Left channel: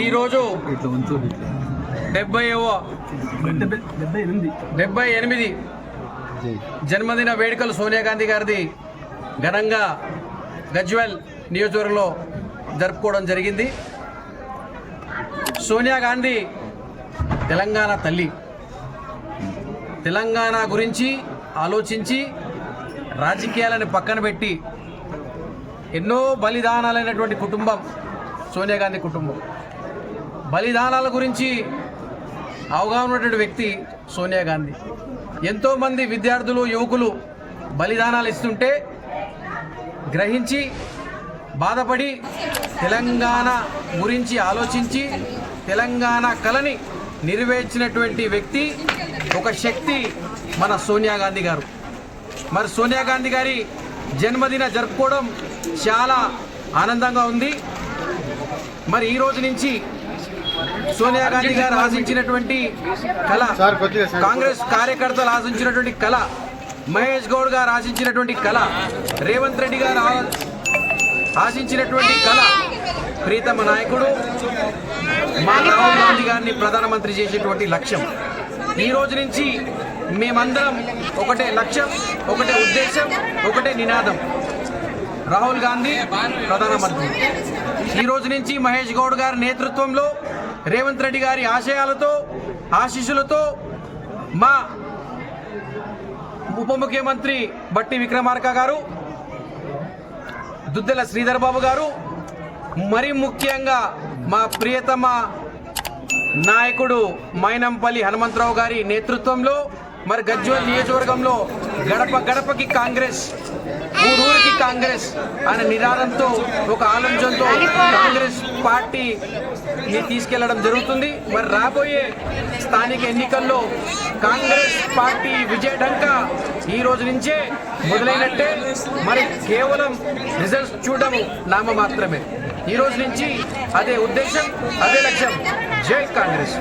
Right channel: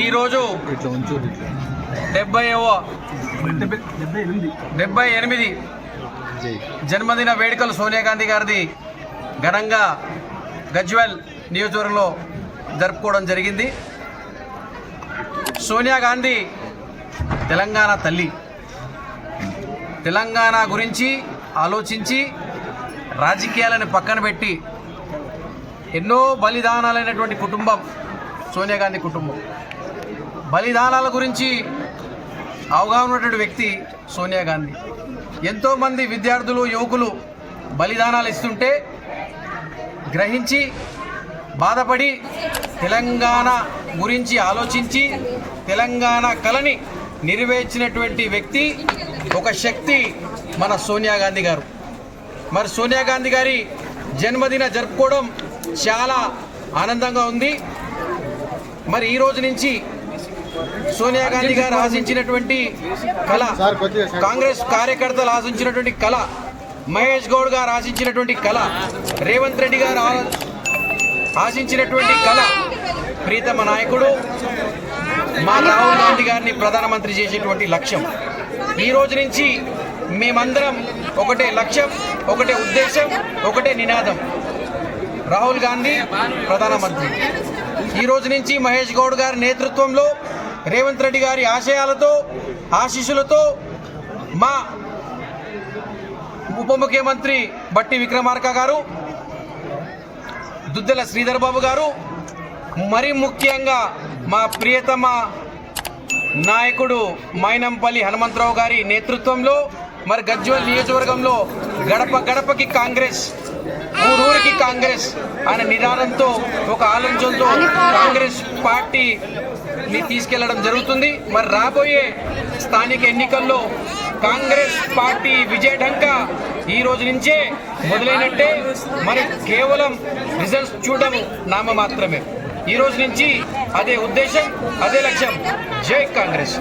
ఈరోజు 78 జన్మదిన వేడుకలు సోనియా గాంధీ గారిది ఘనంగా గజ్వెల్ నియోజకవర్గంలో జరుపుకోవడం జరిగింది. సోనియా గాంధీ తెలంగాణ తల్లి. తెలంగాణ గురించి ఆలోచించి రాజకీయాలను పక్కన పెట్టి ఎన్నో బలిదానాలైనటువంటి కుటుంబం సోనియా గాంధీ కుటుంబం. బలిదానాల గురించి అవగాహన ఉన్నటువంటి వ్యక్తి సోనియా గాంధీ. ఎంతోమంది విద్యార్థులు యువకులు బలిదానాలు ఇస్తుంటే గ్రహించి బాధపడి తెలంగాణ గురించి ఆలోచించి తెలంగాణ కళని నెరవేర్చినటువంటి వ్యక్తి ఒక శక్తి మన సోనియా గాంధీ గారు. మరి సోనియా గాంధీ గారి జన్మదిన జరుపుకోవడం చాలా ఆనందంగా ఉంది. మరి ఈ రోజు నుంచి సోనియా గాంధీ గారు ఆశించినటువంటి కళ, కాంగ్రెస్ కార్యకర్తలు ఆశించినటువంటి కళ, మహేష్ గౌడ్ గారు ఆశించినటువంటి కళ, రేవంత్ రెడ్డి గారు ఆశించినటువంటి కళ, ప్రీతమ నాయకుడు మా రాహుల్ గాంధీ గారిని ప్రధానమంత్రి చేసేటువంటి లక్ష్యం. ఈ రోజు నుంచి మేమందరం ఒకటే లక్ష్యం, ఒకటే ఉద్దేశం, ఒకటే నినాదం, రాహుల్ గాంధీ ప్రధానమంత్రి. ఈ రోజు నుంచి మహేష్ గౌడ్ గారి నేతృత్వంలో రేవంత్ రెడ్డి గారి ఆశయాలతో ఆశీస్సులతో మా ఉప ముఖ్యమంత్రి బట్టి విక్రమార్క గారు, దుద్దెల శ్రీధర్ బాబు గారు, మరి ముఖ్యంగా మా ప్రియతమ నాయకుడు మైనంపల్లి హనుమంతరావు గారి నేతృత్వంలో మరి గజ్వెల్ నియోజకవర్గంలో గడప గడపకి కాంగ్రెస్, ఊరూరికి కాంగ్రెస్ అనే నినాదంతో ఒక ఆలోచనతో కాంగ్రెస్ పార్టీని తీసుకెళ్లడం జరుగుతుంది. మరి రాబోయే స్థానిక ఎన్నికల్లో కాంగ్రెస్ పార్టీ విజయఢంకా ఈ రోజు నుంచే మొదలైనట్టే. మరి కేవలం రిజల్ట్స్ చూడడం నామ మాత్రమే. ఈ రోజు నుంచి అదే ఉద్దేశం, అదే లక్ష్యం. జై కాంగ్రెస్.